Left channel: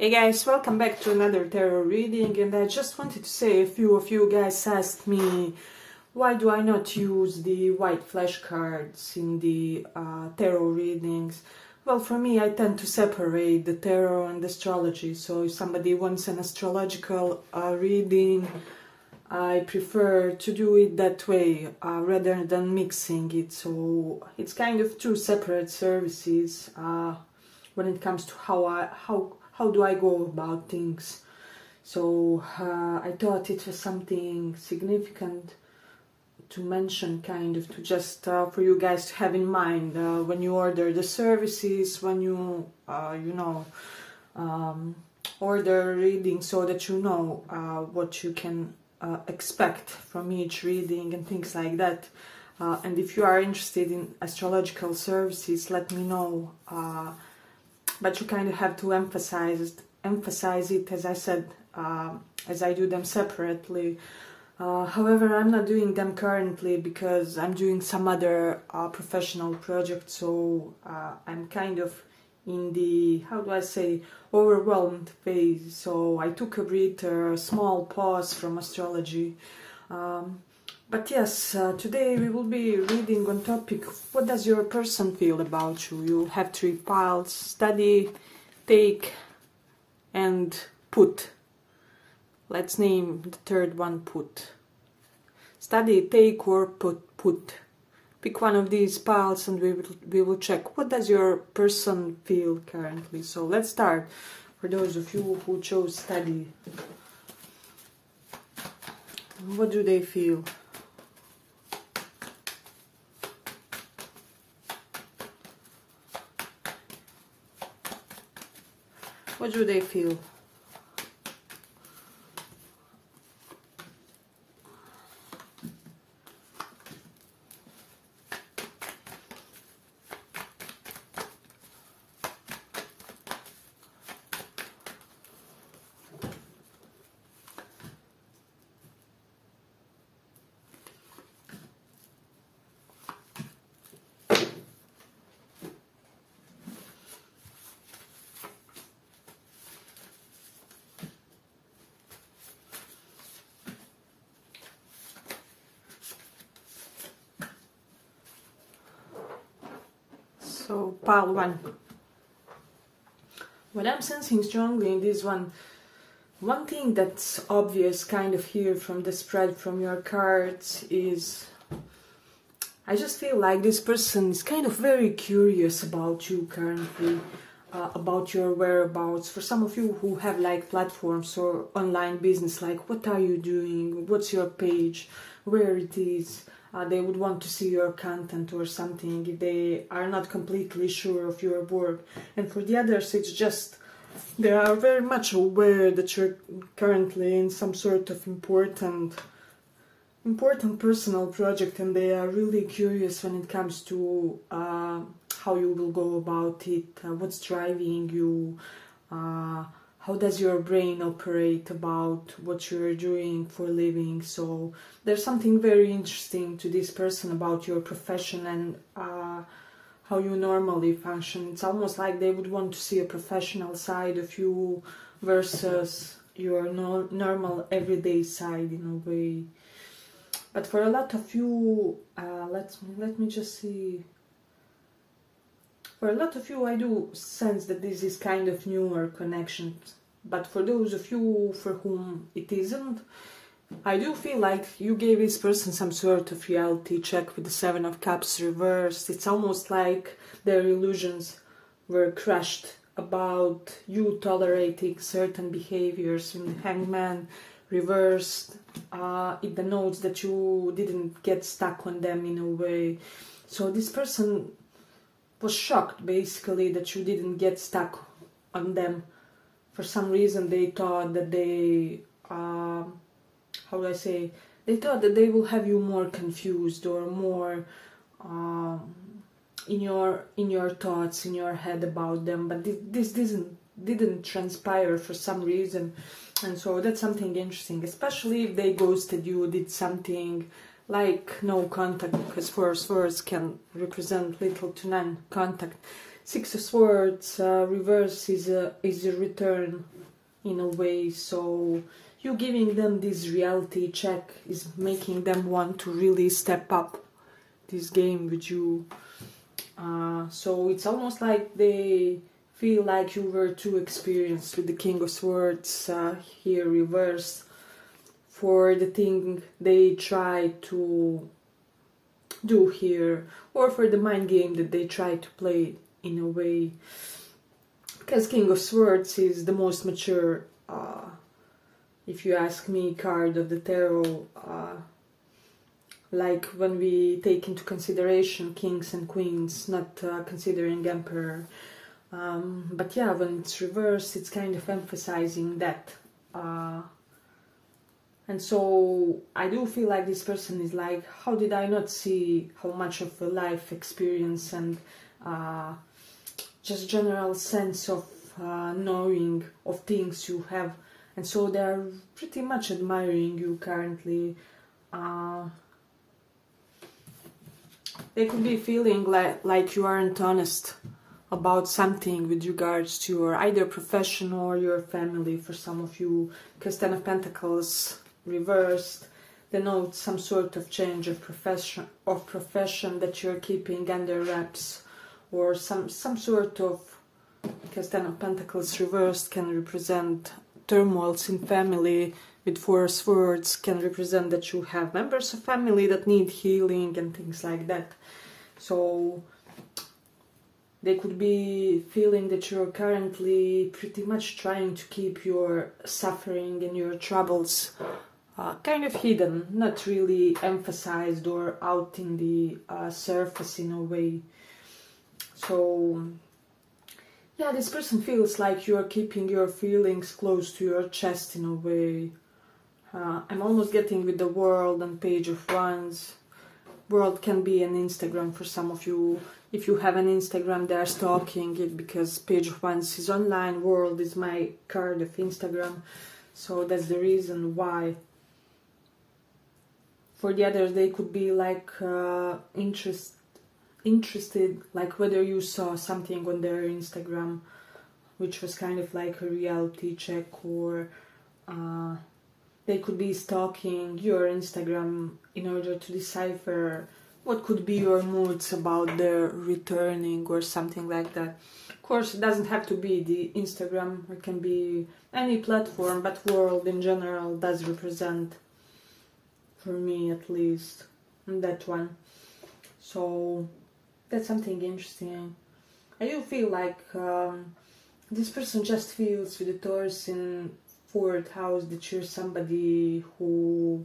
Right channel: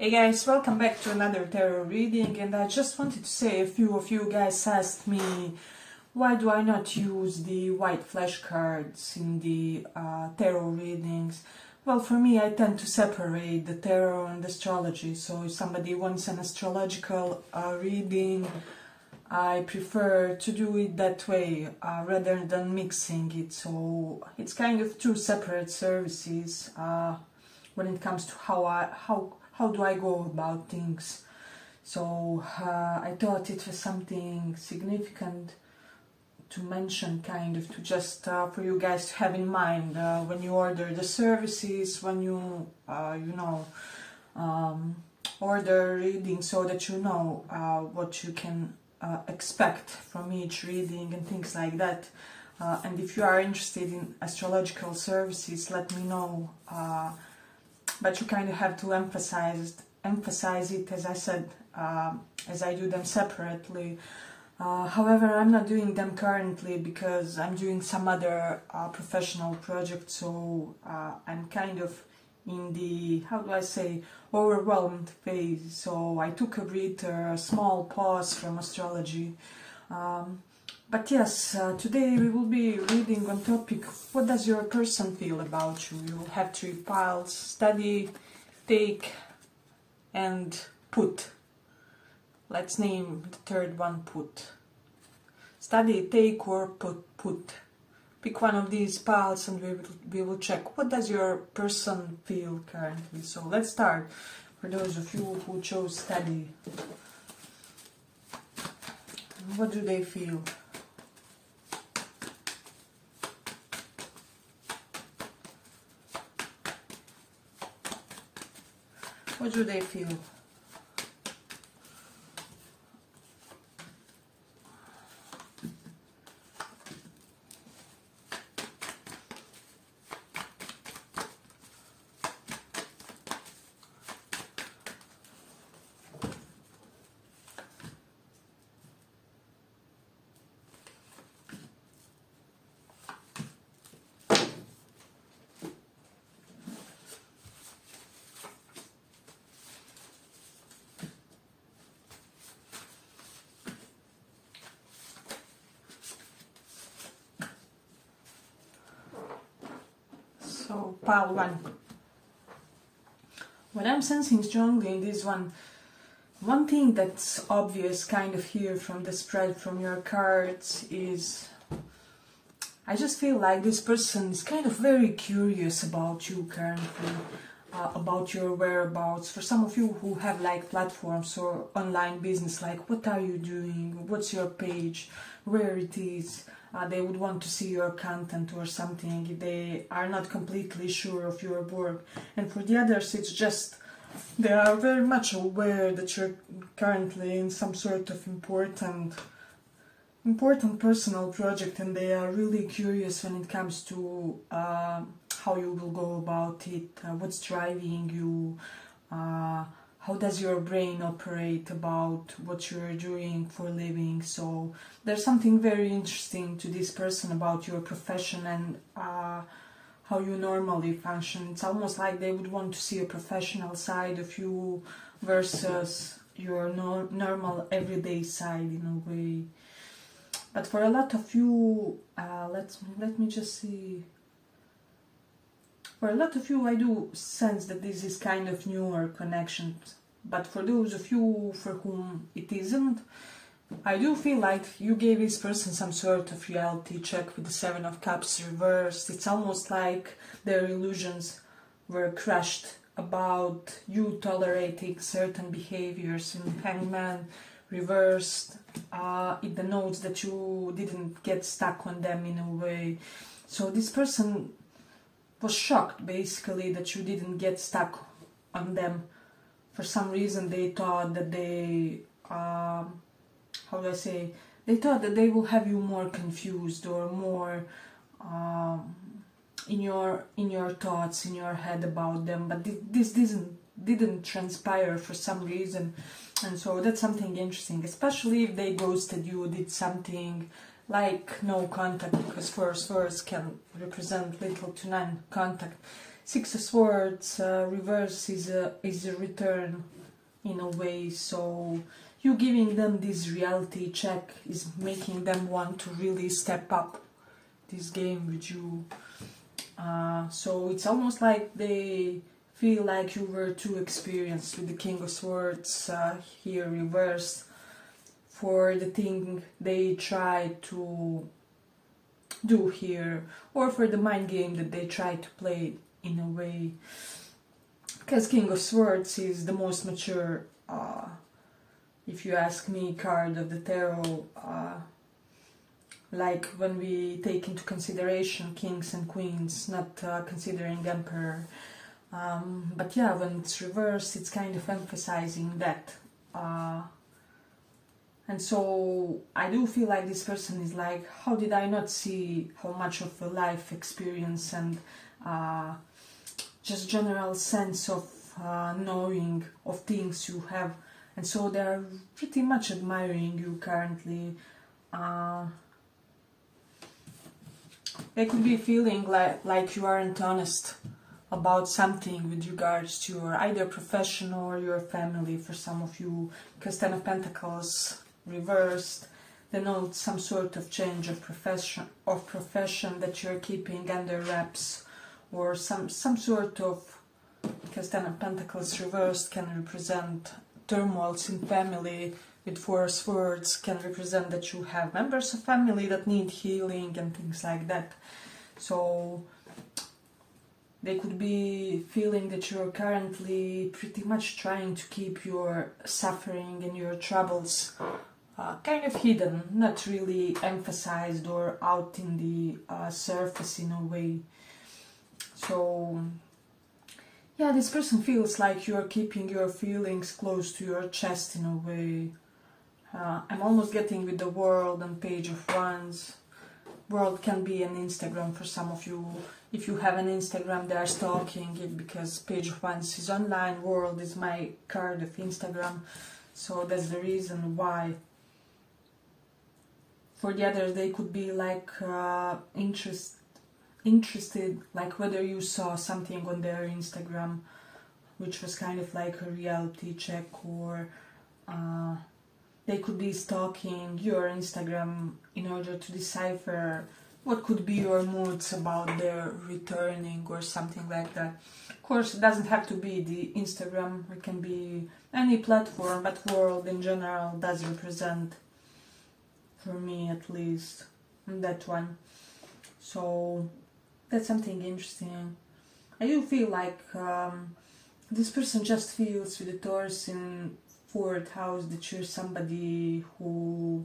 Hey guys, welcome back to another tarot reading, and I just wanted to say, a few of you guys asked me why do I not use the white flashcards in the tarot readings. Well, for me, I tend to separate the tarot and astrology, so if somebody wants an astrological reading, I prefer to do it that way rather than mixing it. So it's kind of two separate services when it comes to how do I go about things. So I thought it was something significant to mention, kind of, to just for you guys to have in mind when you order the services, when you order reading, so that you know what you can expect from each reading and things like that. And if you are interested in astrological services, let me know. But you kind of have to emphasize it, as I said, as I do them separately. However, I'm not doing them currently because I'm doing some other professional projects, so I'm kind of in the, how do I say, overwhelmed phase. So I took a breather, a small pause from astrology. But yes, today we will be reading on topic, what does your person feel about you? You have three piles: study, take, and put. Let's name the third one put. Study, take, or put. Pick one of these piles and we will check what does your person feel currently. So let's start. For those of you who chose study, what do they feel? What do they feel? So, pile one. What I'm sensing strongly in this one thing that's obvious kind of here from the spread from your cards is, I just feel like this person is kind of very curious about you currently, about your whereabouts. For some of you who have like platforms or online business, like what are you doing, what's your page, where it is. They would want to see your content or something if they are not completely sure of your work. And for the others, it's just they are very much aware that you're currently in some sort of important personal project, and they are really curious when it comes to how you will go about it, what's driving you, how does your brain operate about what you're doing for a living. So there's something very interesting to this person about your profession and how you normally function. It's almost like they would want to see a professional side of you versus your normal everyday side in a way. But for a lot of you, let me just see. For a lot of you, I do sense that this is kind of newer connections. But for those of you for whom it isn't, I do feel like you gave this person some sort of reality check with the Seven of Cups reversed. It's almost like their illusions were crushed about you tolerating certain behaviors. In the Hangman reversed, it denotes that you didn't get stuck on them in a way. So this person was shocked basically that you didn't get stuck on them. For some reason they thought that they, how do I say, they thought that they will have you more confused or more in your thoughts, in your head about them, but this didn't transpire for some reason. And so that's something interesting, especially if they ghosted you, did something like no contact, because words can represent little to none contact. Six of Swords reverse is a return in a way, so you giving them this reality check is making them want to really step up this game with you. So it's almost like they feel like you were too experienced with the King of Swords here reversed for the thing they try to do here, or for the mind game that they try to play in a way. Because King of Swords is the most mature, if you ask me, card of the tarot. Like when we take into consideration kings and queens, not considering emperor. But yeah, when it's reversed, it's kind of emphasizing that. And so I do feel like this person is like, how did I not see how much of a life experience and just general sense of knowing of things you have. And so they're pretty much admiring you currently. They could be feeling like you aren't honest about something with regards to your either profession or your family for some of you, because Ten of Pentacles reversed denotes some sort of change of profession that you're keeping under wraps, or some sort of, because Ten of Pentacles reversed can represent turmoils in family, with Four of Swords can represent that you have members of family that need healing and things like that. So they could be feeling that you're currently pretty much trying to keep your suffering and your troubles kind of hidden, not really emphasized or out in the surface in a way. So yeah, this person feels like you are keeping your feelings close to your chest in a way. I'm almost getting with the World and Page of Wands. World can be an Instagram for some of you. If you have an Instagram, they are stalking it, because Page of Wands is online, World is my card of Instagram. So that's the reason why. For the others, they could be like interested, like whether you saw something on their Instagram, which was kind of like a reality check, or they could be stalking your Instagram in order to decipher what could be your moods about their returning or something like that. Of course, it doesn't have to be the Instagram, it can be any platform, but World in general does represent, for me at least, that one. So that's something interesting. I do feel like this person just feels with the Taurus in 4th house that you're somebody who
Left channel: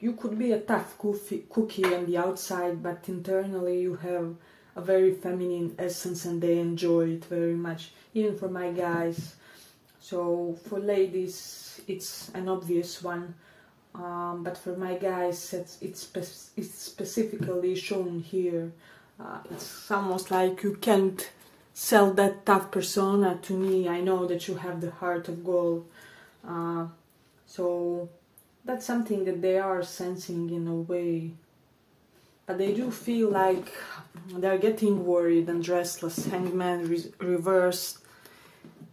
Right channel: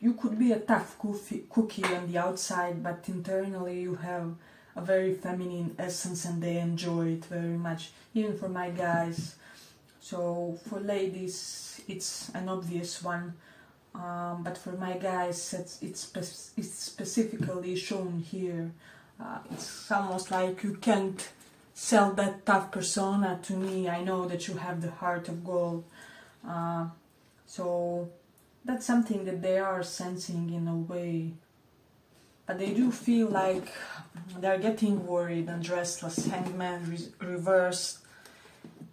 you could be a tough cookie on the outside, but internally you have a very feminine essence and they enjoy it very much, even for my guys. So for ladies it's an obvious one, but for my guys it's specifically shown here. It's almost like you can't sell that tough persona to me. I know that you have the heart of gold. So that's something that they are sensing in a way. But they do feel like they're getting worried and restless. Hangman reversed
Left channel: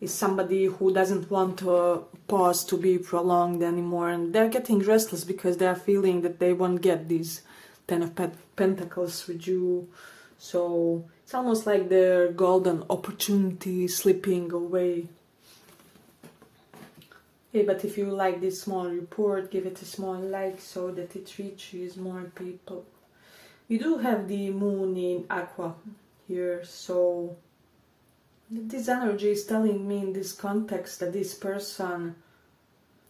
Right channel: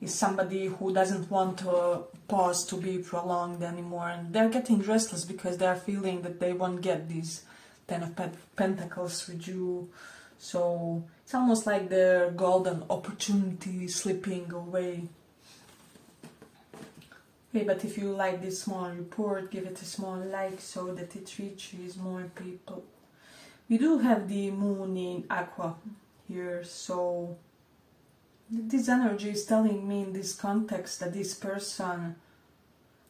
is somebody who doesn't want a pause to be prolonged anymore. And they're getting restless because they're feeling that they won't get these Ten of Pentacles with you. So it's almost like their golden opportunity slipping away. Okay, but if you like this small report, give it a small like so that it reaches more people. We do have the moon in Aqua here, so this energy is telling me in this context that this person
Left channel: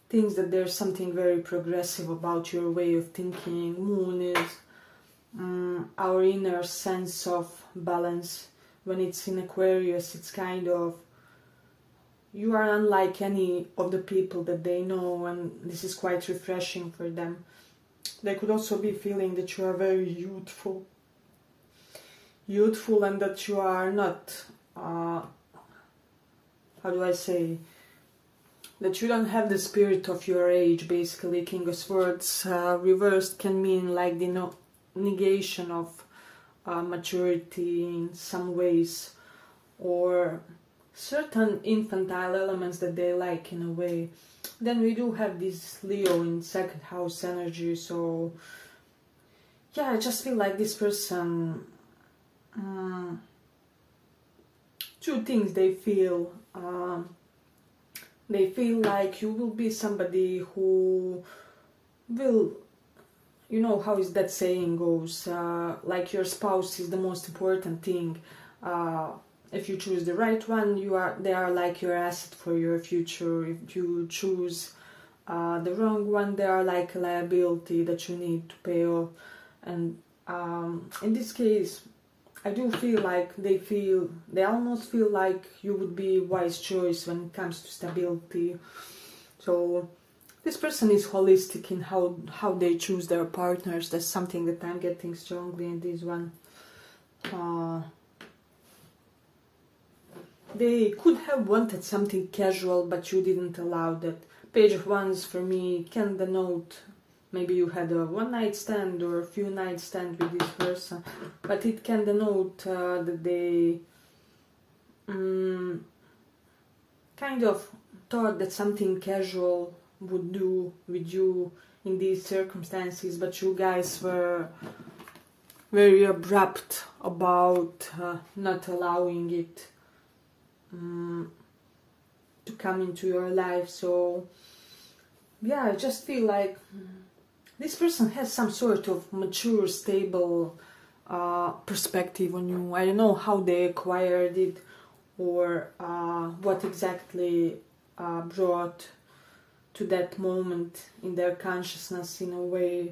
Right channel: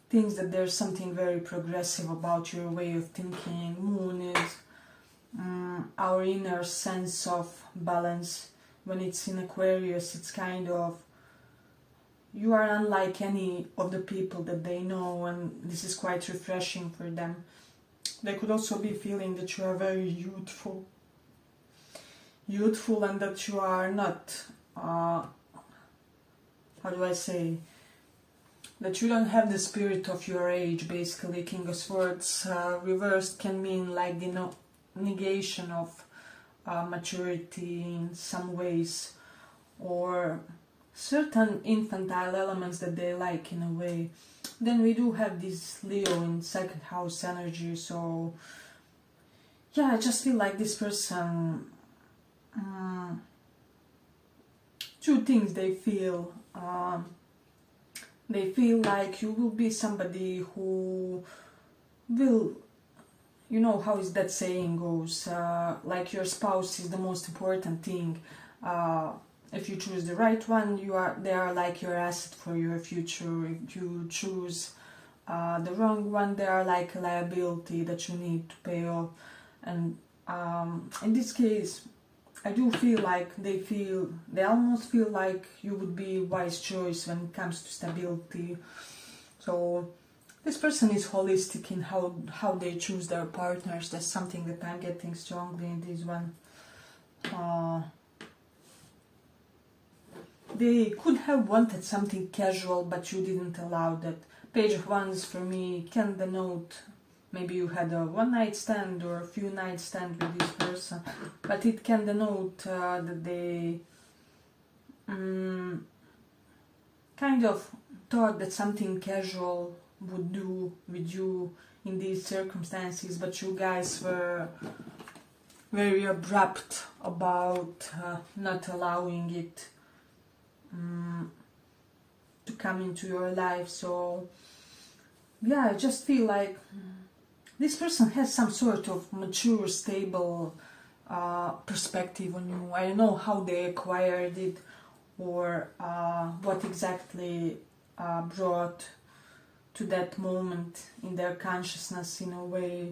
thinks that there's something very progressive about your way of thinking. Moon is our inner sense of balance. When it's in Aquarius, it's kind of, you are unlike any of the people that they know, and this is quite refreshing for them. They could also be feeling that you are very youthful and that you are not, how do I say, that you don't have the spirit of your age, basically. King of Swords reversed can mean like the negation of maturity in some ways, or certain infantile elements that they like in a way. Then we do have this Leo in second house energy, so yeah, I just feel like this person, two things they feel like you will be somebody who will, you know how is that saying goes, like your spouse is the most important thing. If you choose the right one, they are like your asset for your future. If you choose the wrong one, they are like a liability that you need to pay off. And in this case, I do feel like they almost feel like you would be a wise choice when it comes to stability. So this person is holistic in how they choose their partners. That's something that I'm getting strongly in this one. They could have wanted something casual, but you didn't allow that. Page of Wands for me can denote maybe you had a one-night stand or a few night stand with this person, but it can denote that they kind of thought that something casual would do with you in these circumstances, but you guys were very abrupt about not allowing it to come into your life. So yeah, I just feel like this person has some sort of mature, stable perspective on you. I don't know how they acquired it or what exactly brought to that moment in their consciousness in a way.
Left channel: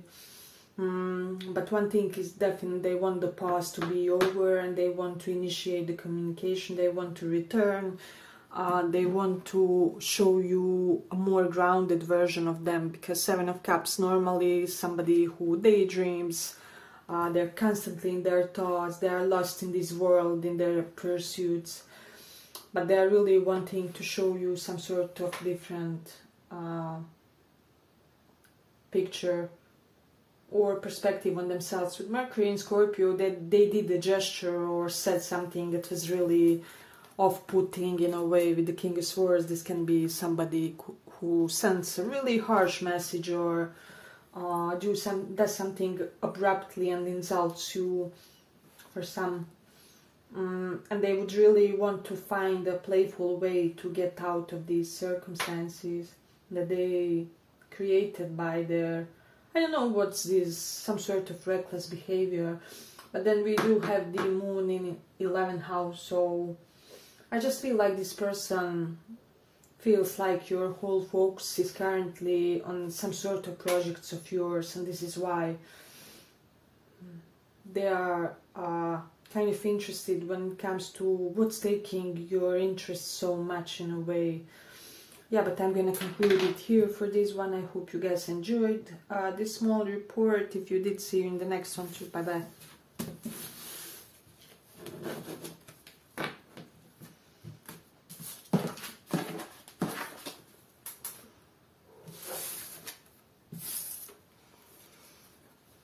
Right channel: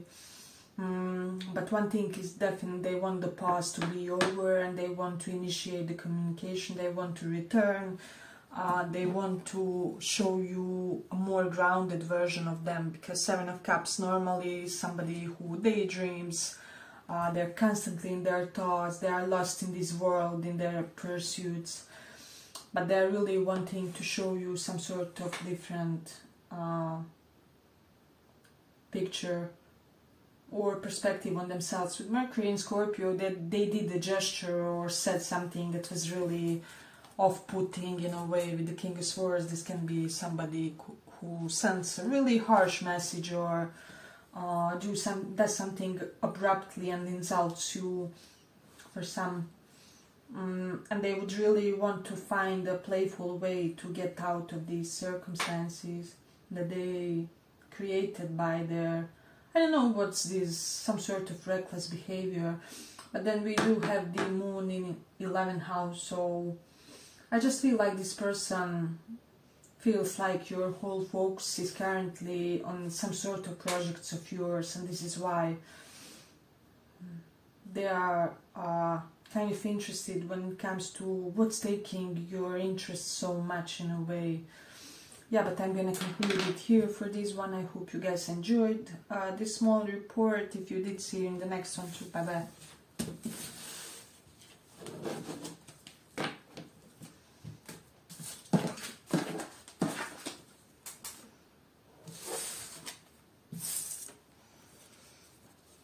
But one thing is definite, they want the past to be over and they want to initiate the communication, they want to return, they want to show you a more grounded version of them, because Seven of Cups normally is somebody who daydreams, they're constantly in their thoughts, they are lost in this world, in their pursuits, but they're really wanting to show you some sort of different picture or perspective on themselves. With Mercury in Scorpio, that they did a gesture or said something that was really off-putting in a way. With the King of Swords, this can be somebody who sends a really harsh message or does something abruptly and insults you for some, and they would really want to find a playful way to get out of these circumstances that they created by their, I don't know what's this, some sort of reckless behavior. But then we do have the moon in 11th house, so I just feel like this person feels like your whole focus is currently on some sort of projects of yours, and this is why they are kind of interested when it comes to what's taking your interest so much in a way. Yeah, but I'm gonna conclude it here for this one. I hope you guys enjoyed this small report. If you did, see you in the next one. Bye bye.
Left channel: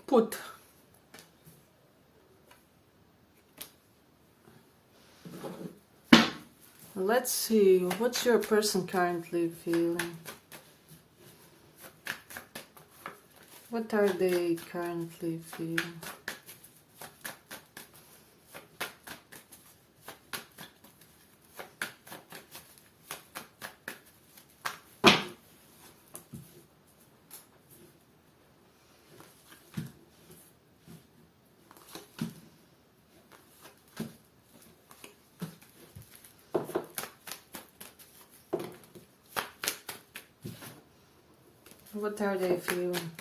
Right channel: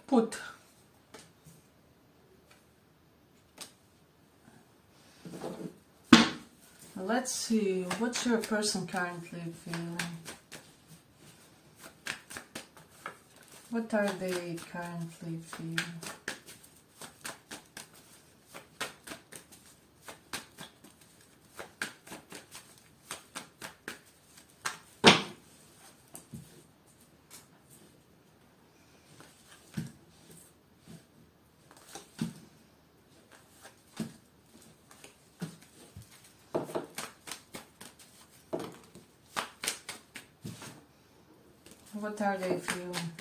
Put. Let's see, what's your person currently feeling? What are they currently feeling? What are they feeling?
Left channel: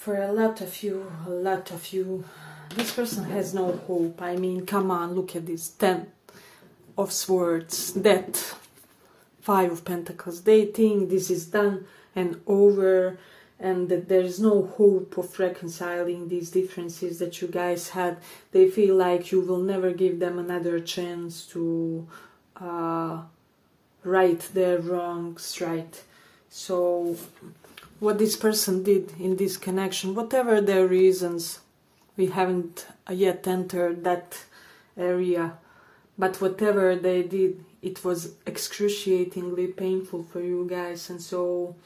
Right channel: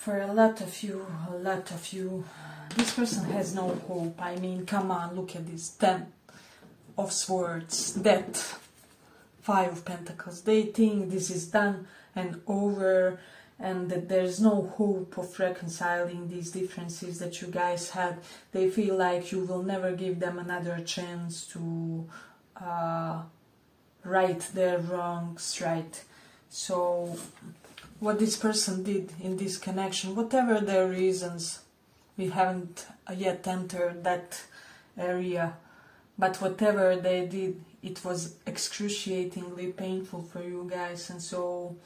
For a lot of you, this person has no hope. I mean, come on, look at this. 10 of Swords, Death, 5 of Pentacles. They think this is done and over, and that there's no hope of reconciling these differences that you guys had. They feel like you will never give them another chance to right their wrongs right. So what this person did in this connection, whatever their reasons, we haven't yet entered that area, but whatever they did, it was excruciatingly painful for you guys. And so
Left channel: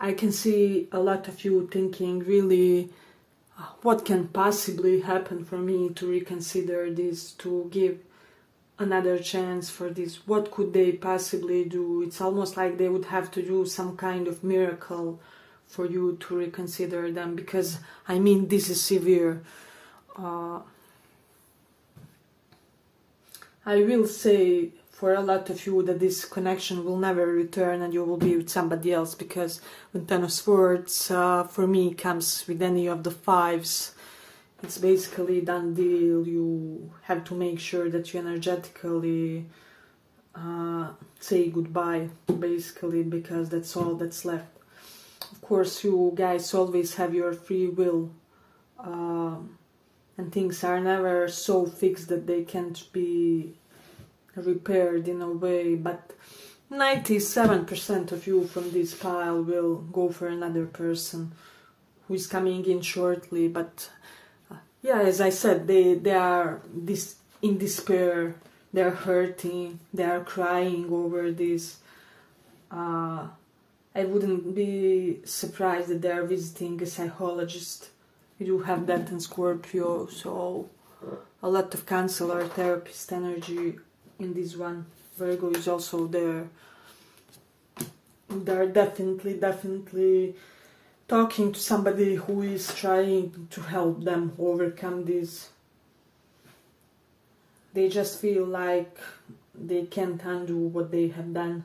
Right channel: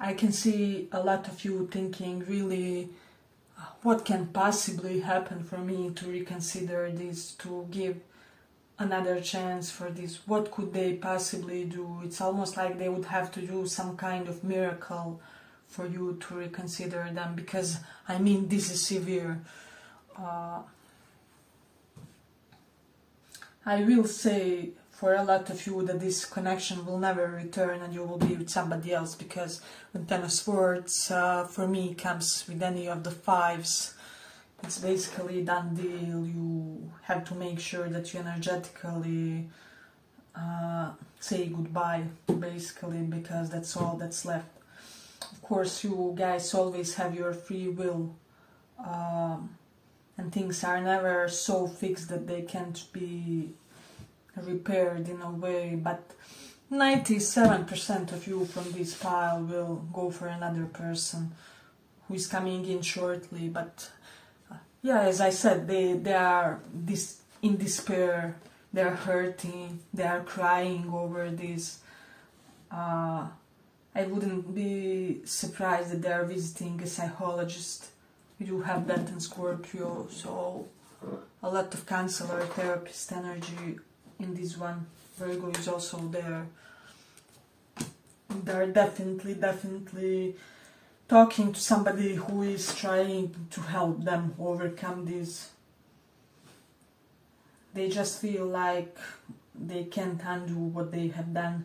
I can see a lot of you thinking, really, what can possibly happen for me to reconsider this, to give another chance for this? What could they possibly do? It's almost like they would have to do some kind of miracle for you to reconsider them, because I mean, this is severe. I will say for a lot of you that this connection will never return and you will be with somebody else, because the 10 of Swords for me comes with any of the 5s. It's basically a done deal. You have to make sure that you energetically say goodbye, basically, because that's all that's left. Of course, you guys always have your free will, and things are never so fixed that they can't be repaired in a way, but 97% of you from this pile will go for another person who is coming in shortly. But yeah, as I said, they are in despair, they're hurting, they are crying over this. I wouldn't be surprised that they are visiting a psychologist. You do have that in Scorpio, so a lot of counselor, therapist energy in this one. Virgo is also there. They're definitely talking to somebody who is trying to help them overcome this. They just feel like they can't undo what they have done,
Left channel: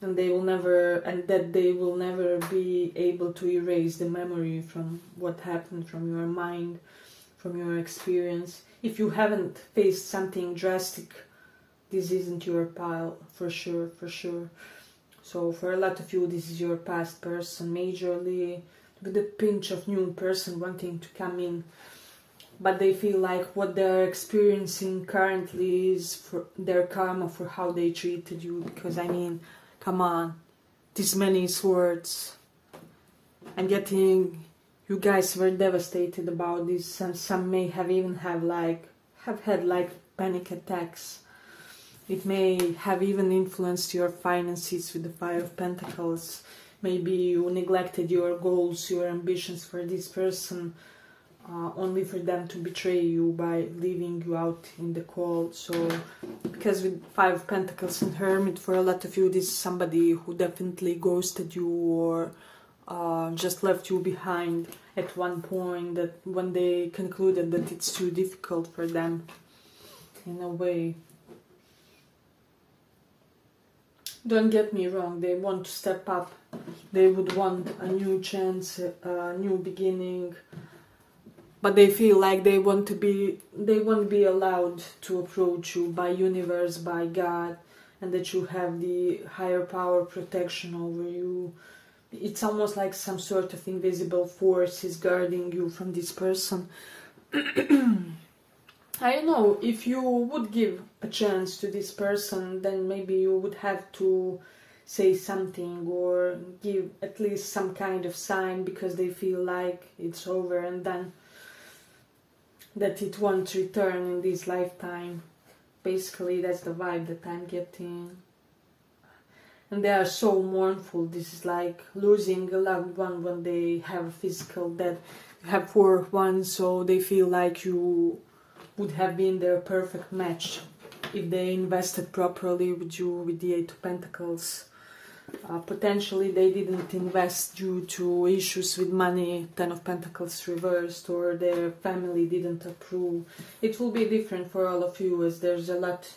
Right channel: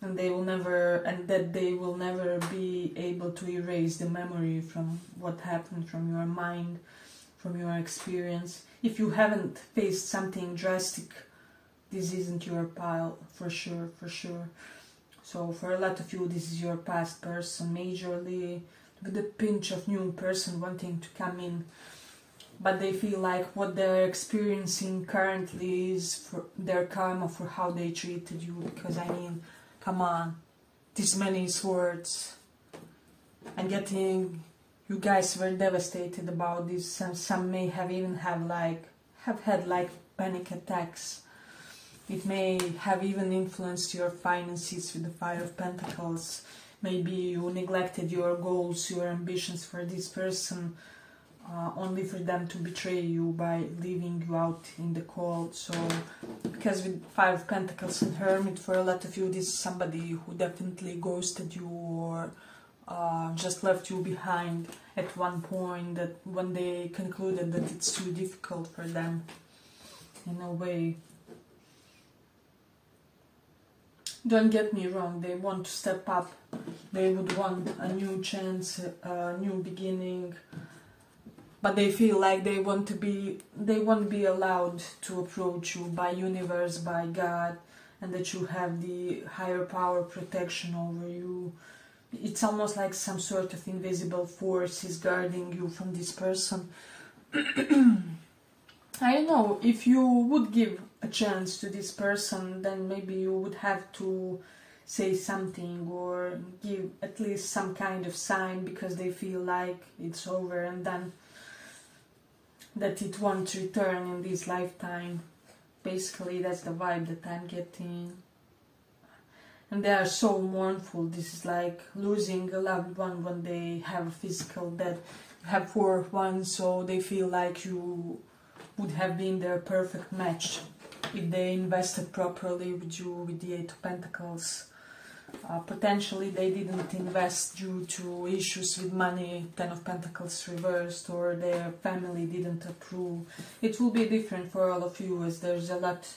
and they will never be able to erase the memory from what happened, from your mind, from your experience. If you haven't faced something drastic, this isn't your pile, for sure. So for a lot of you, this is your past person, majorly, with a pinch of new person wanting to come in. But they feel like what they're experiencing currently is for their karma for how they treated you. Because I mean, come on, this many swords. And getting, you guys were devastated about this, and some may have even had panic attacks. It may have even influenced your finances with the 5 of Pentacles. Maybe you neglected your goals, your ambitions for this person, only for them to betray you by leaving you out in the cold. So, because with 5 of Pentacles and Hermit, for a lot of you, this is somebody who definitely ghosted you or just left you behind at one point, that when they concluded that it's too difficult for them, in a way. Don't get me wrong, they want to step up. They would want a new chance, a new beginning. But they feel like they won't be allowed to approach you by universe, by God, and that you have the higher power protection over you. It's almost like some sort of invisible force is guarding you from this person. I don't know, if you would give a chance to this person, then maybe you would have to say something or give at least some kind of sign, because they feel like it's over and done, that it won't return in this lifetime. Basically, that's the vibe that I'm getting. And they are so mournful. This is like losing a loved one when they have a physical death. You have 4 of Wands, so they feel like you would have been their perfect match if they invested properly with you with the 8 of Pentacles. Potentially they didn't invest due to issues with money, 10 of Pentacles reversed, or their family didn't approve. It will be different for all of you, as there's a lot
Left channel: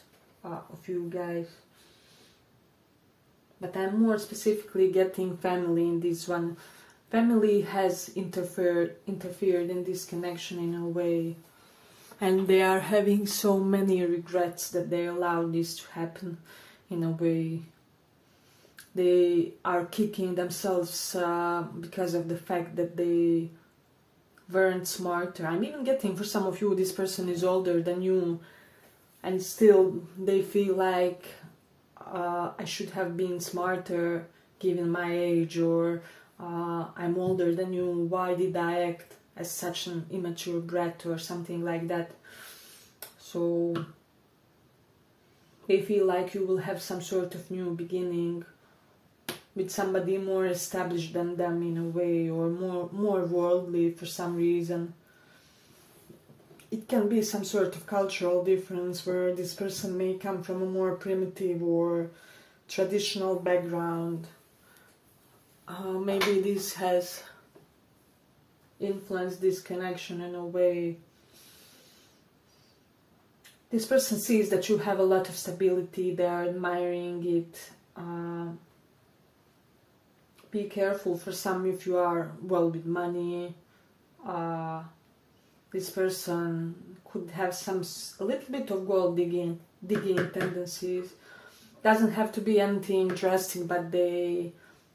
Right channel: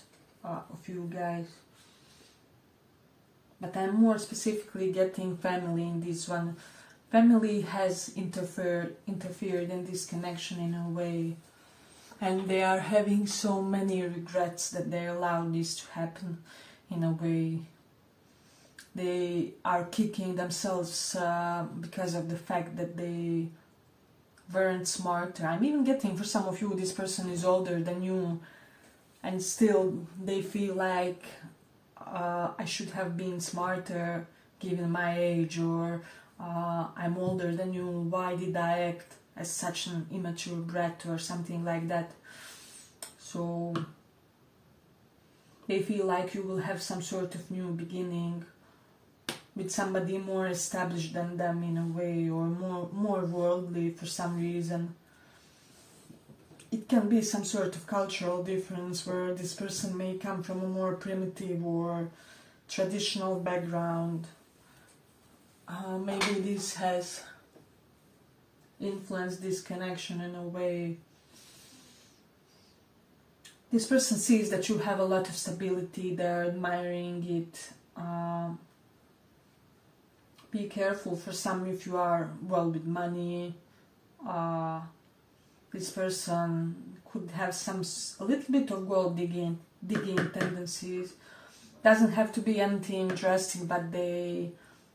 of you guys. But I'm more specifically getting family in this one. family has interfered in this connection in a way, and they are having so many regrets that they allowed this to happen in a way. They are kicking themselves because of the fact that they weren't smarter. I'm even getting, for some of you, this person is older than you, and still they feel like I should have been smarter given my age, or I'm older than you, why did I act as such an immature brat or something like that. So they feel like you will have some sort of new beginning with somebody more established than them in a way, or more worldly for some reason. It can be some sort of cultural difference where this person may come from a more primitive or traditional background. Maybe this has influenced this connection in a way. This person sees that you have a lot of stability, they're admiring it. Be careful, for some, if you are well with money. This person could have a little bit of gold digging tendencies. Doesn't have to be anything drastic, but they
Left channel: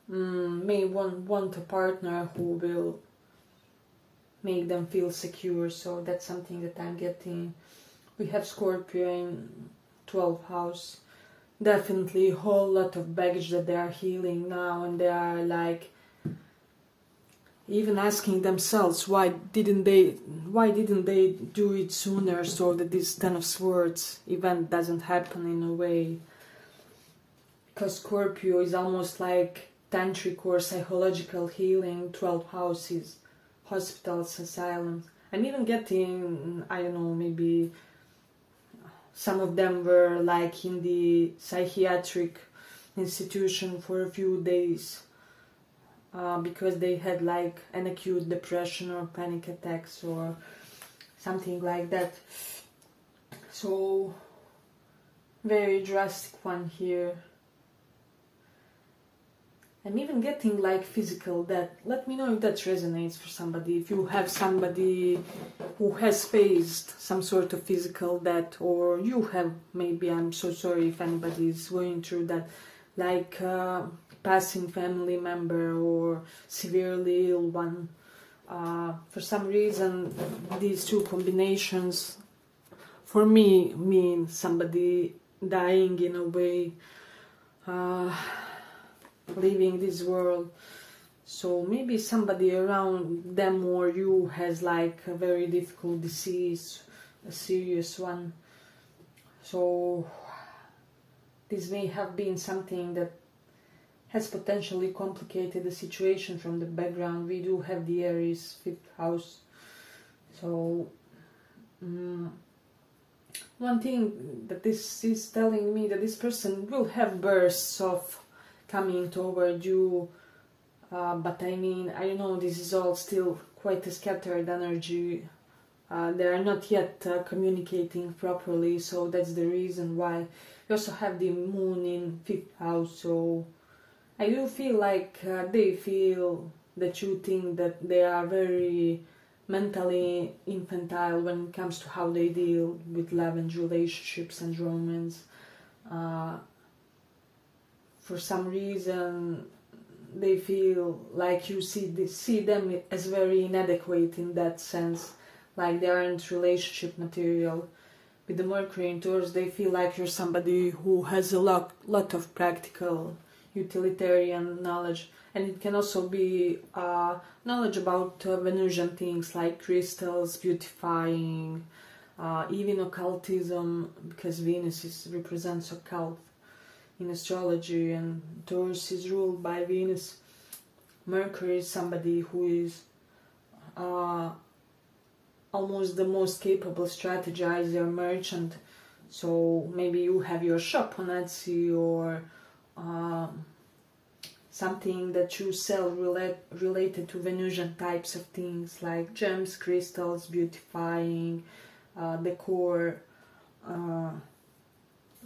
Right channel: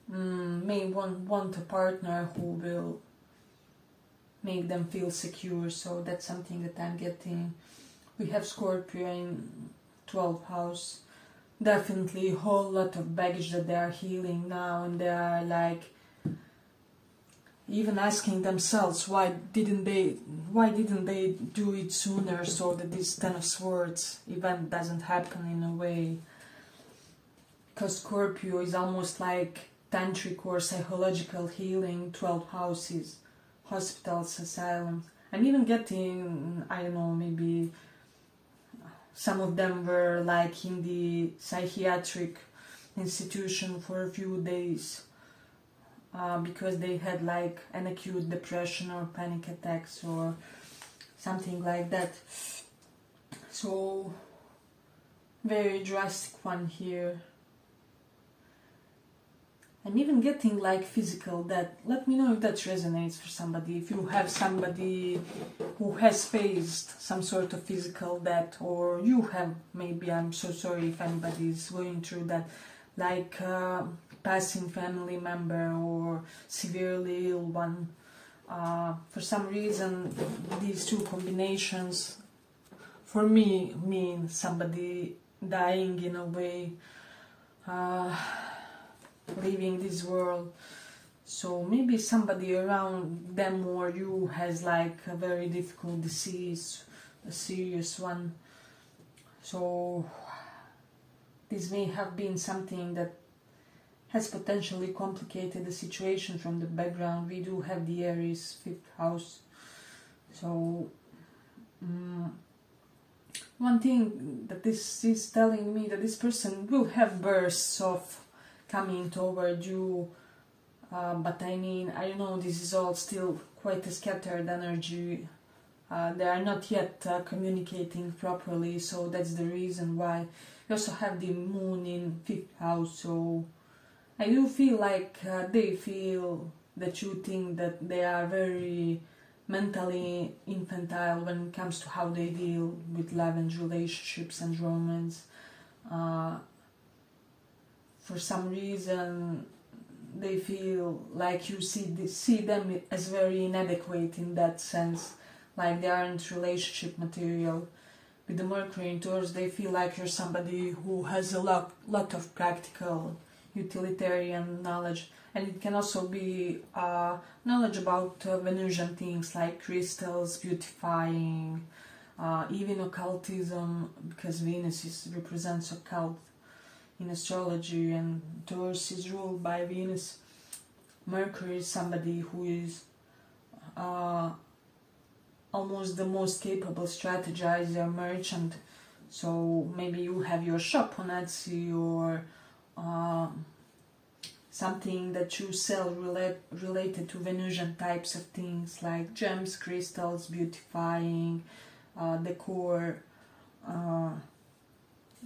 may want a partner who will make them feel secure. So that's something that I'm getting. We have Scorpio in 12th house. Definitely a whole lot of baggage that they are healing now, and they are like even asking themselves why didn't they do it sooner, so that this Ten of Swords event doesn't happen in a way. Because Scorpio is almost like tantric or psychological healing. 12 houses, hospitals, asylums. I'm even getting, I don't know, maybe some of them were like in the psychiatric institution for a few days because they had like an acute depression or panic attacks or something like that. So very drastic one here. I'm even getting like physical death. Let me know if that resonates for somebody. If you have somebody who has faced some sort of physical death, or you have, maybe, I'm so sorry if anybody is going through that, like passing family member or severely ill one. For some reason, these two combinations for me mean somebody dying in a way. Leaving this world. So maybe somebody around them or you has like a very difficult disease, a serious one. So this may have been something that has potentially complicated the situation from the background. We do have the Aries 5th house. So one thing that this is telling me, that this person will have bursts of coming toward you, but I mean, I don't know, this is all still quite a scattered energy. They are not yet communicating properly, so that's the reason why. We also have the moon in 5th house, so I do feel like they feel that you think that they are very mentally infantile when it comes to how they deal with love and relationships and romance. For some reason, they feel like you see them as very inadequate in that sense, like they aren't relationship material. With the Mercury in Taurus, they feel like you're somebody who has a lot of practical, utilitarian knowledge, and it can also be knowledge about Venusian things like crystals, beautifying, even occultism, because Venus represents occult in astrology, and Taurus is ruled by Venus. Mercury is somebody who is almost the most capable strategizer, merchant. So maybe you have your shop on Etsy, or something that you sell related to Venusian types of things like gems, crystals, beautifying, decor,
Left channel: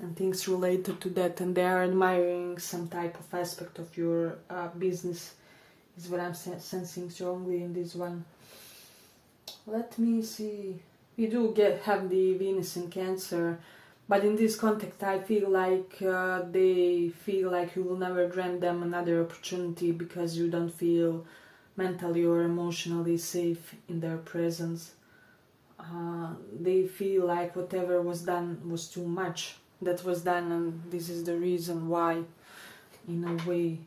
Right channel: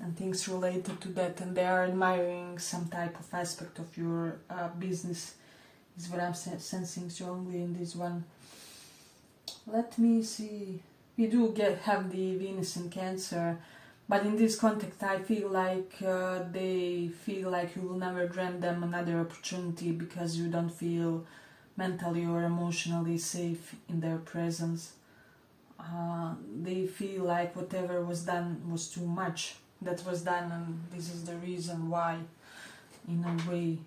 and things related to that, and they are admiring some type of aspect of your business is what I'm sensing strongly in this one. Let me see. We do have the Venus in Cancer, but in this context I feel like they feel like you will never grant them another opportunity because you don't feel mentally or emotionally safe in their presence. They feel like whatever was done was too much. That was done, and this is the reason why, in a way.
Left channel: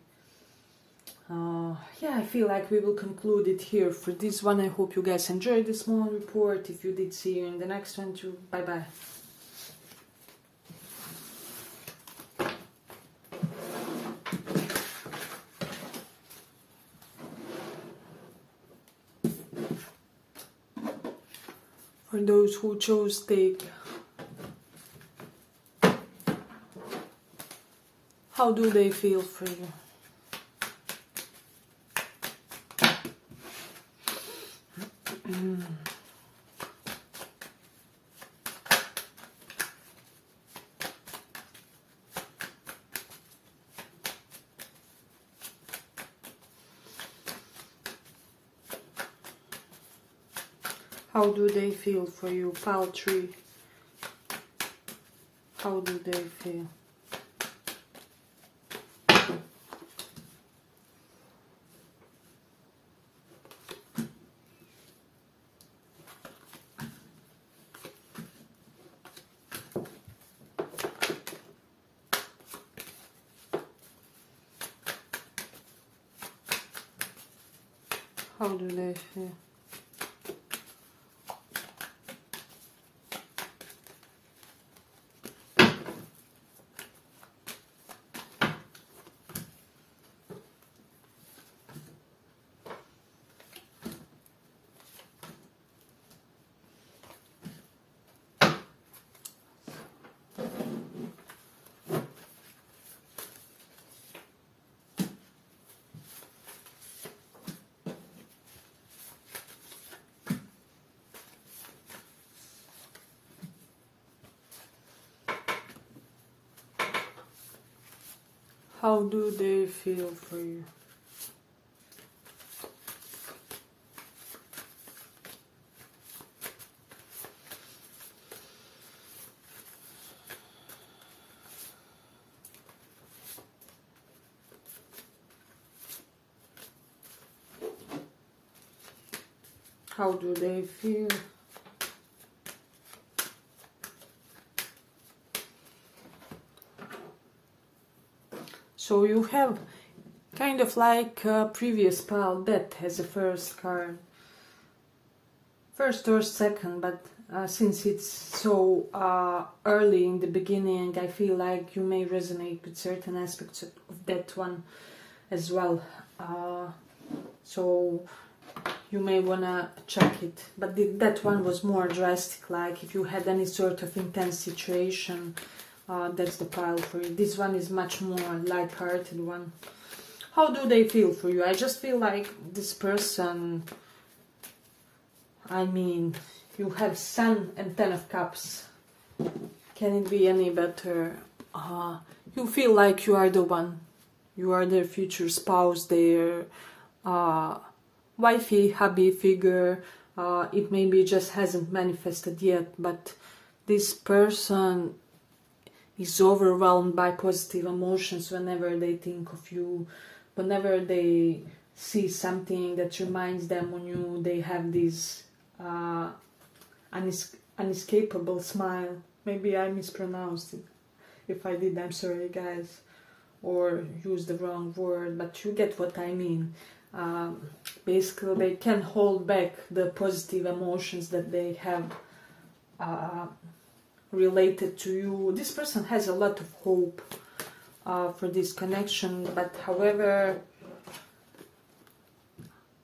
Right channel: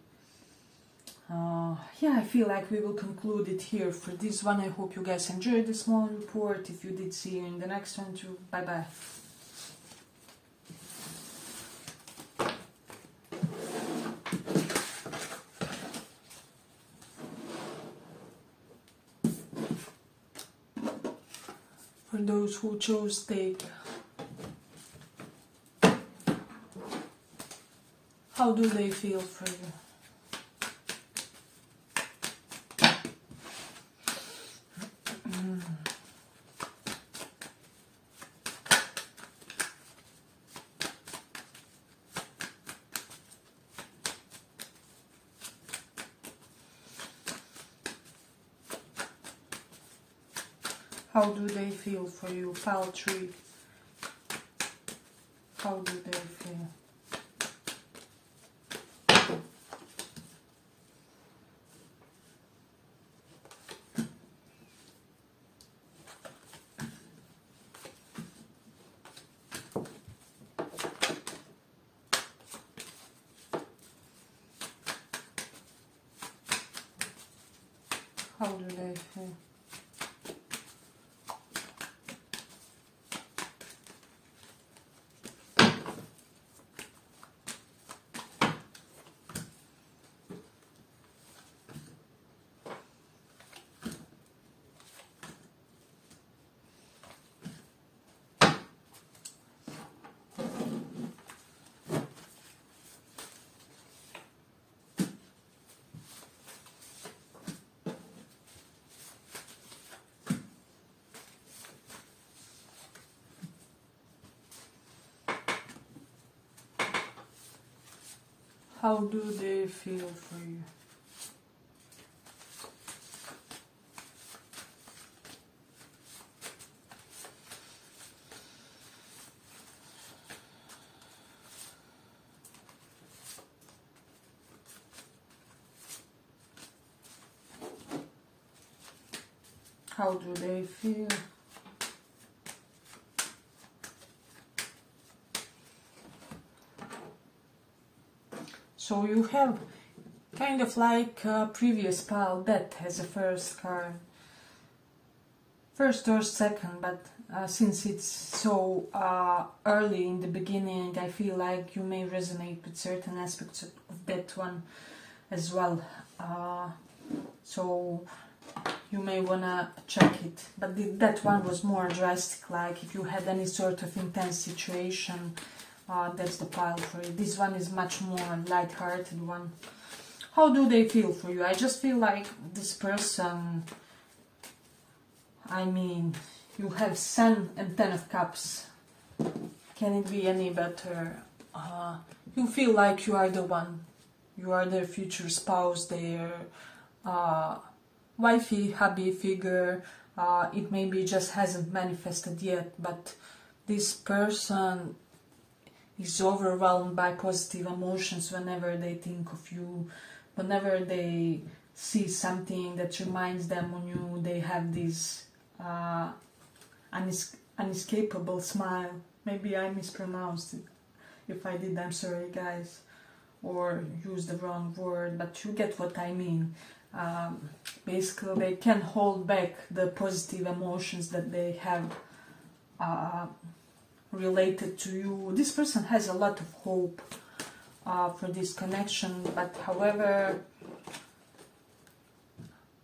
Yeah, I feel like we will conclude it here for this one. I hope you guys enjoyed the small report. If you did, see you in the next one too. Bye bye. For those who chose take, how do they feel for you? How do they feel for you? Pile tree. How do they feel? How do they feel? How do they feel for you? How do they feel? So you have kind of like a previous pile that has a first card. First or second, but since it's so early in the beginning, I feel like you may resonate with certain aspects of that one as well. So you may wanna check it. But that one was more drastic, like if you had any sort of intense situation, that's the pile for you. This one is much more light-hearted one. How do they feel for you? I just feel like this person, I mean, you have Sun and Ten of Cups. Can it be any better? You feel like you are the one. You are their future spouse, their wifey, hubby figure. It maybe just hasn't manifested yet, but this person is overwhelmed by positive emotions whenever they think of you, whenever they see something that reminds them on you. They have this unescapable smile. Maybe I mispronounced it. If I did, I'm sorry guys, or used the wrong word, but you get what I mean. Basically they can hold back the positive emotions that they have related to you. This person has a lot of hope for this connection, but however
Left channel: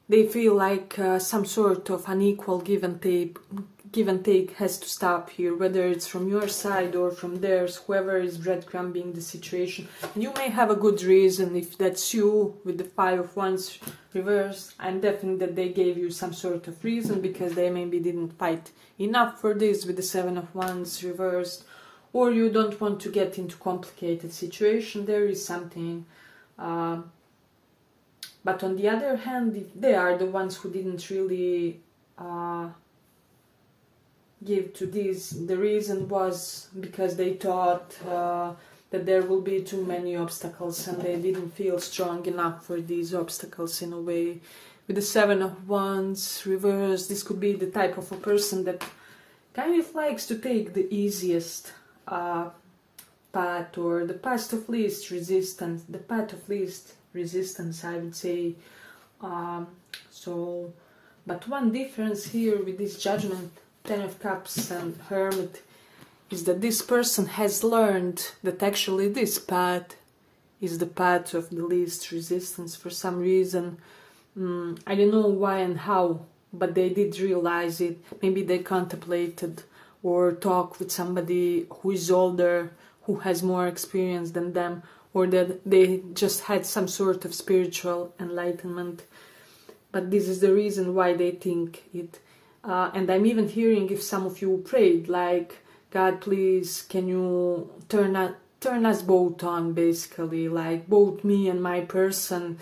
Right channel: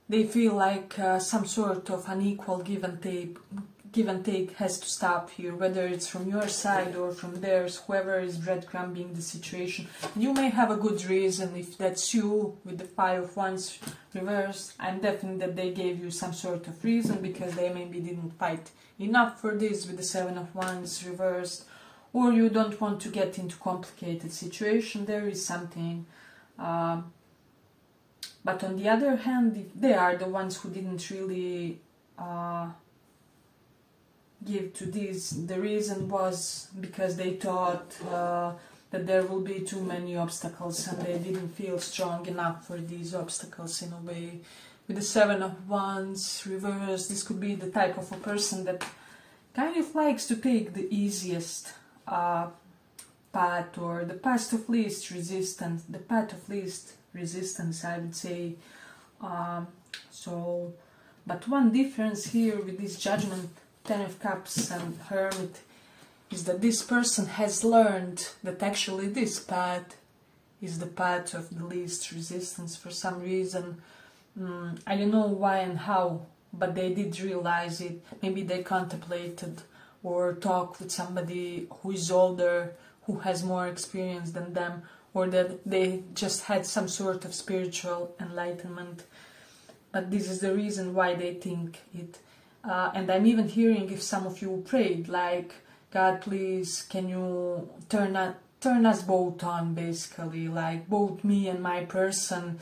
they feel like some sort of unequal give and take has to stop here, whether it's from your side or from theirs, whoever is breadcrumbing the situation. And you may have a good reason. If that's you with the Five of Wands reversed, I'm definitely that they gave you some sort of reason, because they maybe didn't fight enough for this with the Seven of Wands reversed, or you don't want to get into complicated situation. There is something But on the other hand, they are the ones who didn't really give to this. The reason was because they thought that there will be too many obstacles and they didn't feel strong enough for these obstacles in a way. With the Seven of Wands reversed, this could be the type of a person that kind of likes to take the easiest path, or the path of least resistance, I would say. But one difference here with this Judgment, Ten of Cups and Hermit, is that this person has learned that actually this path is the path of the least resistance for some reason. I don't know why and how, but they did realize it. Maybe they contemplated or talked with somebody who is older, who has more experience than them, or that they just had some sort of spiritual enlightenment. But this is the reason why they think it. And I'm even hearing if some of you prayed, like, God, please, can you turn us both on, basically, like both me and my person.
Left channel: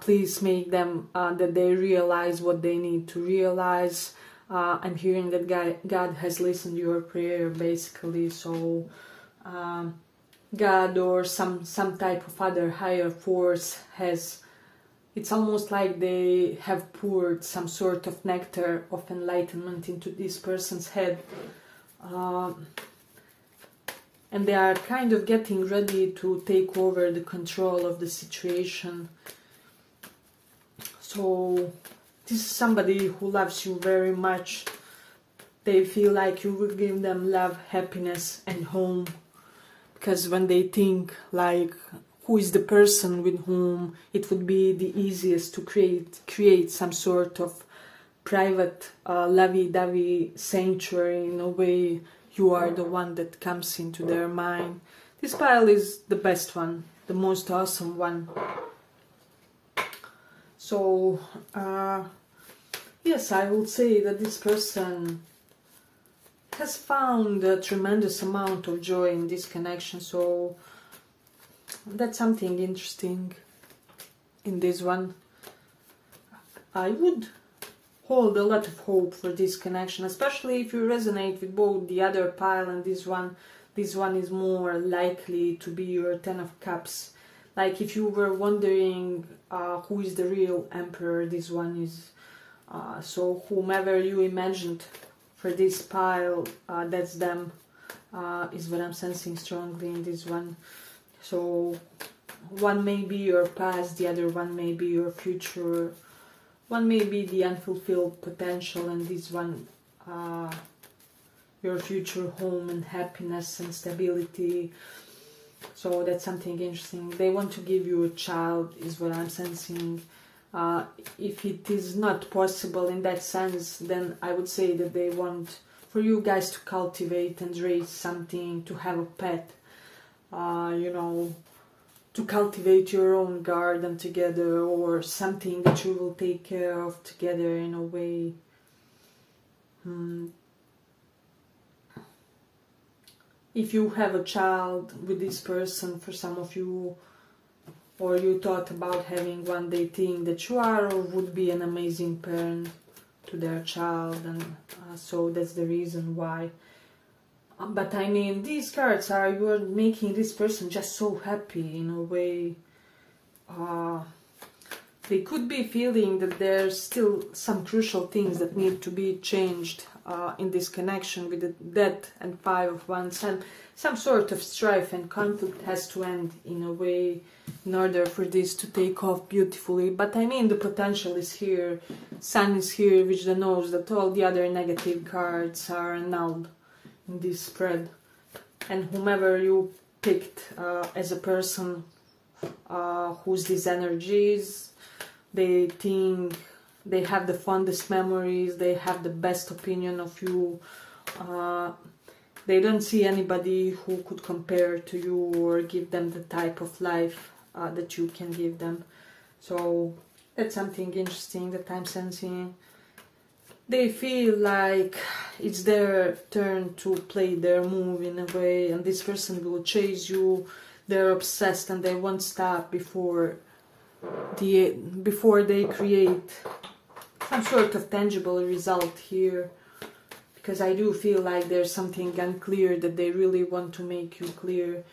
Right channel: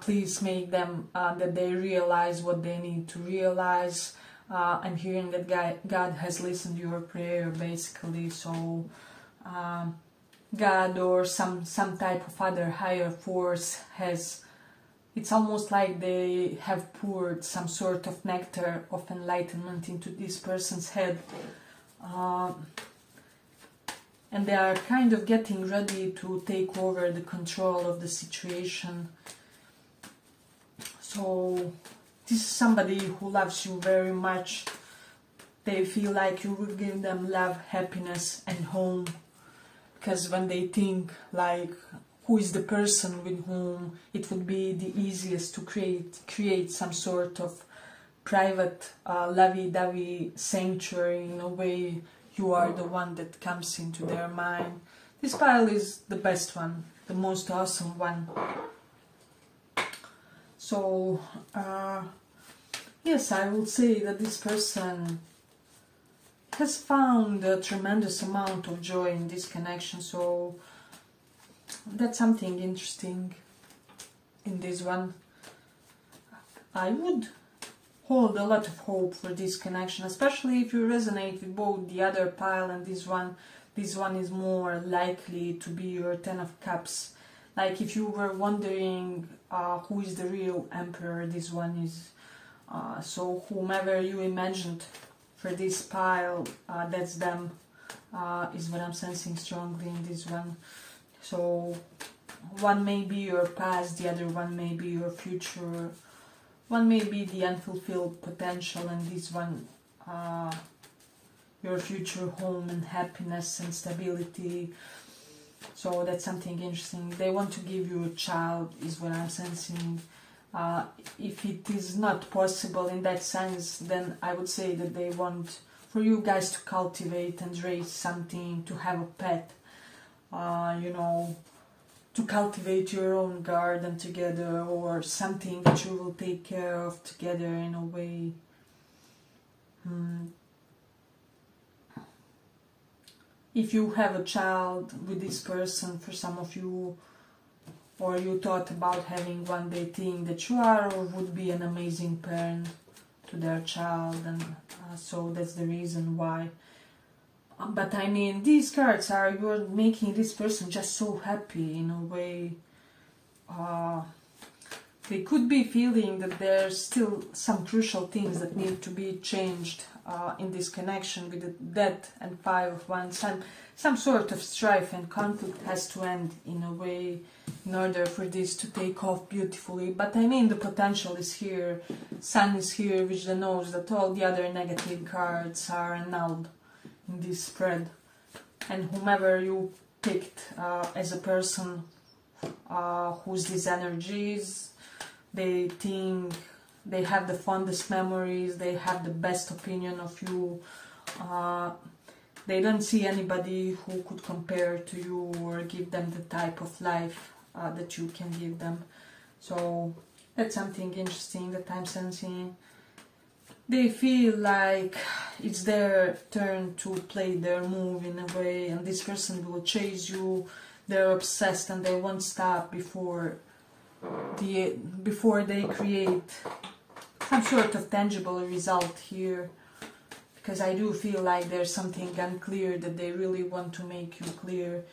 Please make them that they realize what they need to realize. I'm hearing that God has listened to your prayer, basically. So God or some type of other higher force has, it's almost like they have poured some sort of nectar of enlightenment into this person's head. And they are kind of getting ready to take over the control of the situation. So this is somebody who loves you very much. They feel like you will give them love, happiness and home. Because when they think like who is the person with whom it would be the easiest to create some sort of private lovey-dovey sanctuary, in a way, you are the one that comes into their mind. This pile is the best one, the most awesome one. So, yes, I would say that this person has found a tremendous amount of joy in this connection. So, that's something interesting in this one. I would hold a lot of hope for this connection, especially if you resonate with both the other pile and this one. This one is more likely to be your Ten of Cups. Like if you were wondering who is the real Emperor, this one is. So whomever you imagined for this pile, that's them, is what I'm sensing strongly in this one. So one may be your past, the other one may be your future. One may be the unfulfilled potential, and this one, your future home and happiness and stability. So that's something interesting. They want to give you a child, is what I'm sensing. If it is not possible in that sense, then I would say that they want for you guys to cultivate and raise something, to have a pet, you know, to cultivate your own garden together, or something that you will take care of together in a way. If you have a child with this person, for some of you, or you thought about having one, they think that you are or would be an amazing parent to their child, and so that's the reason why. But I mean, these cards are, you're making this person just so happy in a way. They could be feeling that there's still some crucial things that need to be changed in this connection with the Death and Five of Wands, and some sort of strife and conflict has to end in a way in order for this to take off beautifully. But I mean, the potential is here, Sun is here, which knows that all the other negative cards are annulled in this spread. And whomever you picked as a person who's these energies, they think they have the fondest memories, they have the best opinion of you. They don't see anybody who could compare to you or give them the type of life that you can give them. So that's something interesting that I'm sensing. They feel like it's their turn to play their move in a way, and this person will chase you. They're obsessed and they won't stop before before they create some sort of tangible result here, because I do feel like there's something unclear that they really want to make you clear.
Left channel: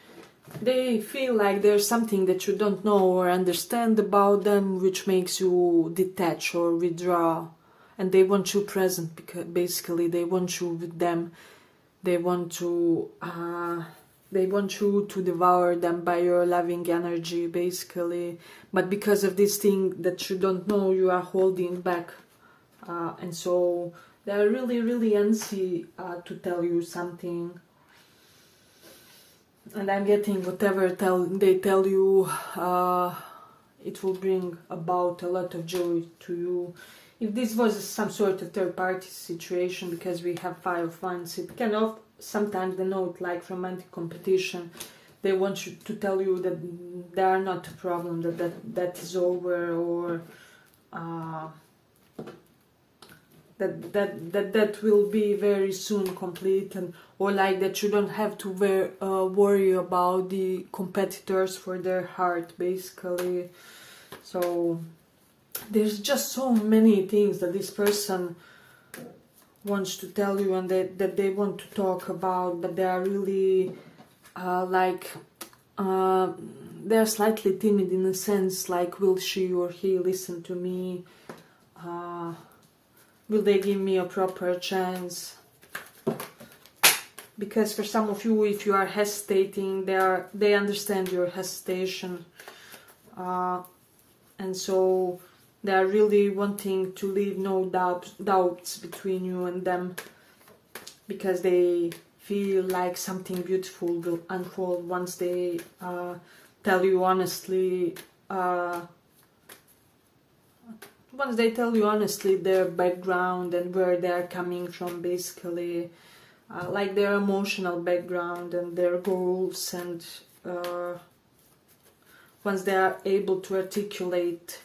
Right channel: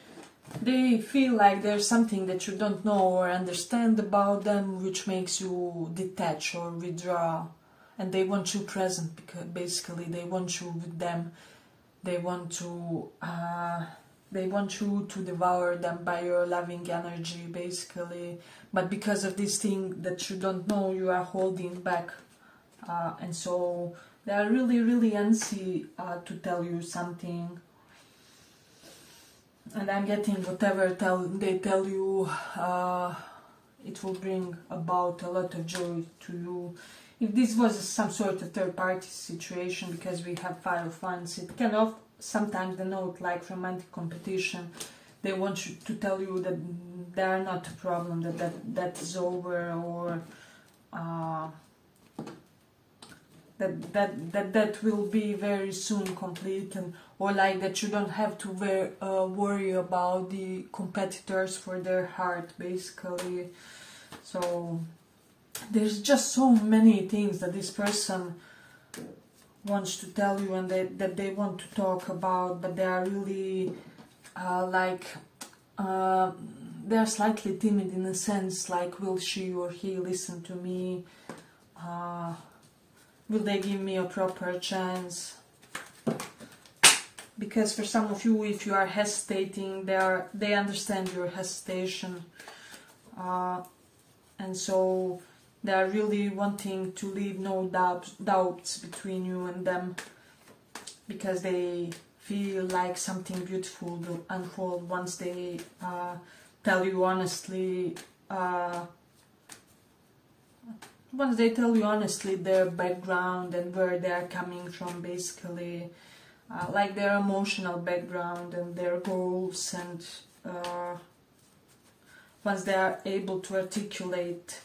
They feel like there's something that you don't know or understand about them, which makes you detach or withdraw, and they want you present, because basically they want you with them. They want you to devour them by your loving energy, basically. But because of this thing that you don't know, you are holding back, and so they are really, really antsy to tell you something. And I'm getting whatever they tell you, it will bring about a lot of joy to you. If this was some sort of third-party situation, because we have Five of Wands, it can sometimes denote like romantic competition. They want you to tell you that they are not a problem, that is over, or that will be very soon complete, and or like that you don't have to worry about the competitors for their heart, basically. So there's just so many things that this person wants to tell you, and that they want to talk about, but they are really they're slightly timid in a sense, like, will she or he listen to me? Will they give me a proper chance? Because for some of you, if you are hesitating, they understand your hesitation, and so they are really wanting to leave no doubts between you and them, because they feel like something beautiful will unfold once they tell you honestly. Once they tell you honestly their background and where they are coming from, basically, like their emotional background and their goals, and once they are able to articulate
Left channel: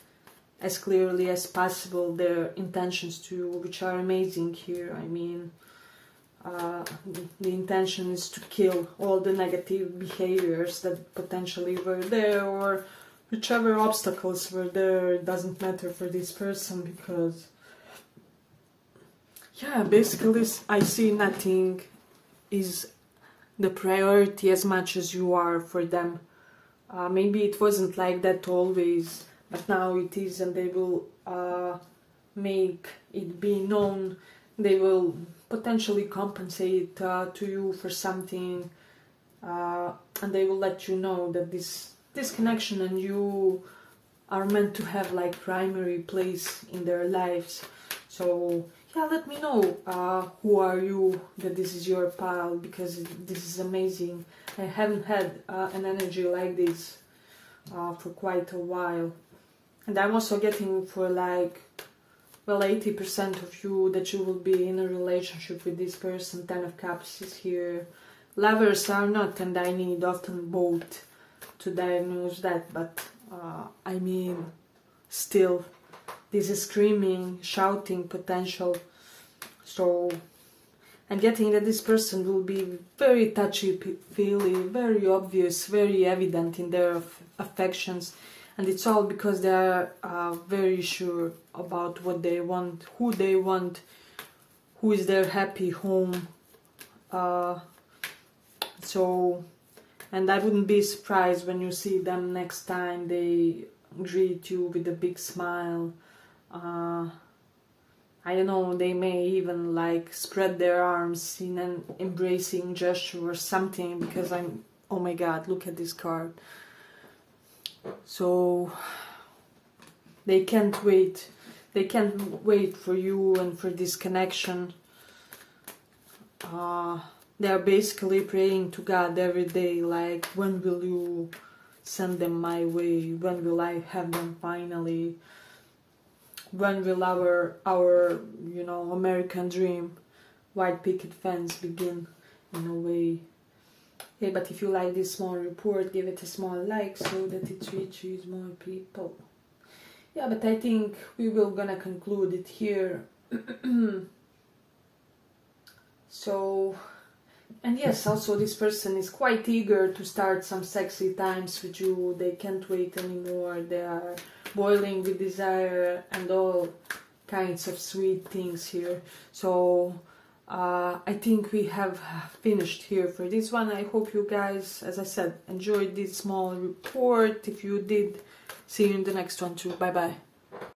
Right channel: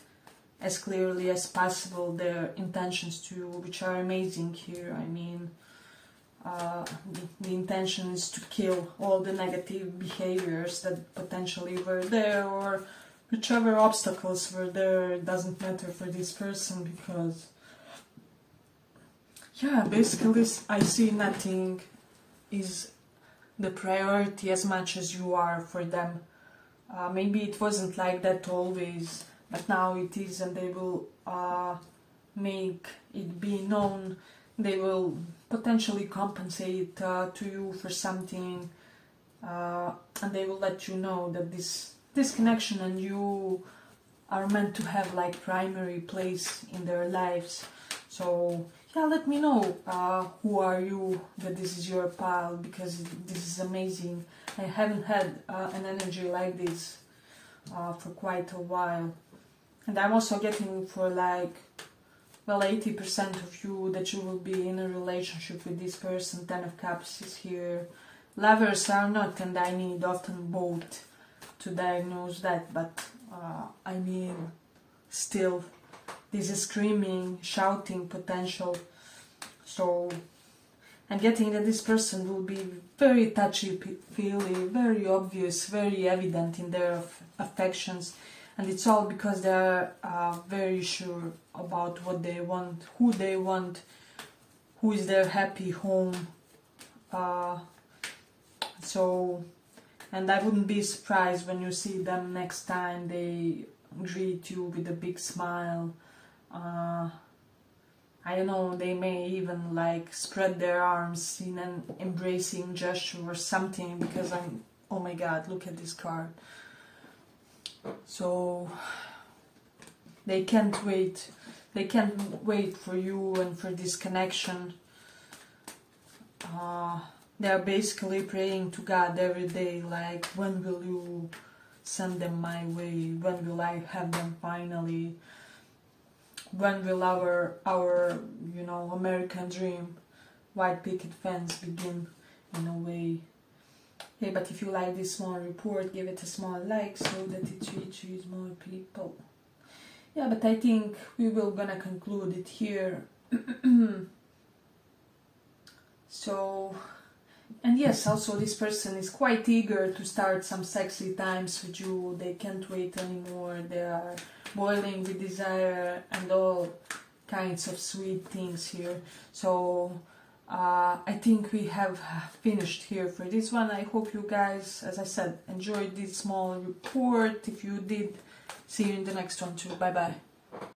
as clearly as possible their intentions to you, which are amazing here. I mean, the intention is to kill all the negative behaviors that potentially were there, or whichever obstacles were there. It doesn't matter for this person, because, yeah, basically I see nothing is the priority as much as you are for them. Maybe it wasn't like that always, but now it is, and they will make it be known. They will potentially compensate to you for something, and they will let you know that this connection and you are meant to have like primary place in their lives. So yeah, let me know who are you, that this is your pal, because this is amazing. I haven't had an energy like this for quite a while. And I'm also getting for like, well, 80% of you that you will be in a relationship with this person. 10 of Cups is here. Lovers are not, and I need often both to diagnose that, but I mean, still, this is screaming, shouting potential. So I'm getting that this person will be very touchy-feely, very obvious, very evident in their affections, and it's all because they're very sure about what they want, who is their happy home. So, and I wouldn't be surprised when you see them next time they greet you with a big smile. I don't know, they may even like spread their arms in an embracing gesture or something, because oh my god, look at this card. So they can't wait for you and for this connection. They are basically praying to God every day, like, when will you send them my way? When will I have them finally? When will our American dream, white picket fence, begin in a way? Okay, but if you like this small report, give it a small like so that it reaches more people. Yeah, but I think we will gonna conclude it here. So And yes, also this person is quite eager to start some sexy times with you. They can't wait anymore. They are boiling with desire and all kinds of sweet things here. So I think we have finished here for this one. I hope you guys, as I said, enjoyed this small report. If you did, see you in the next one too. Bye bye.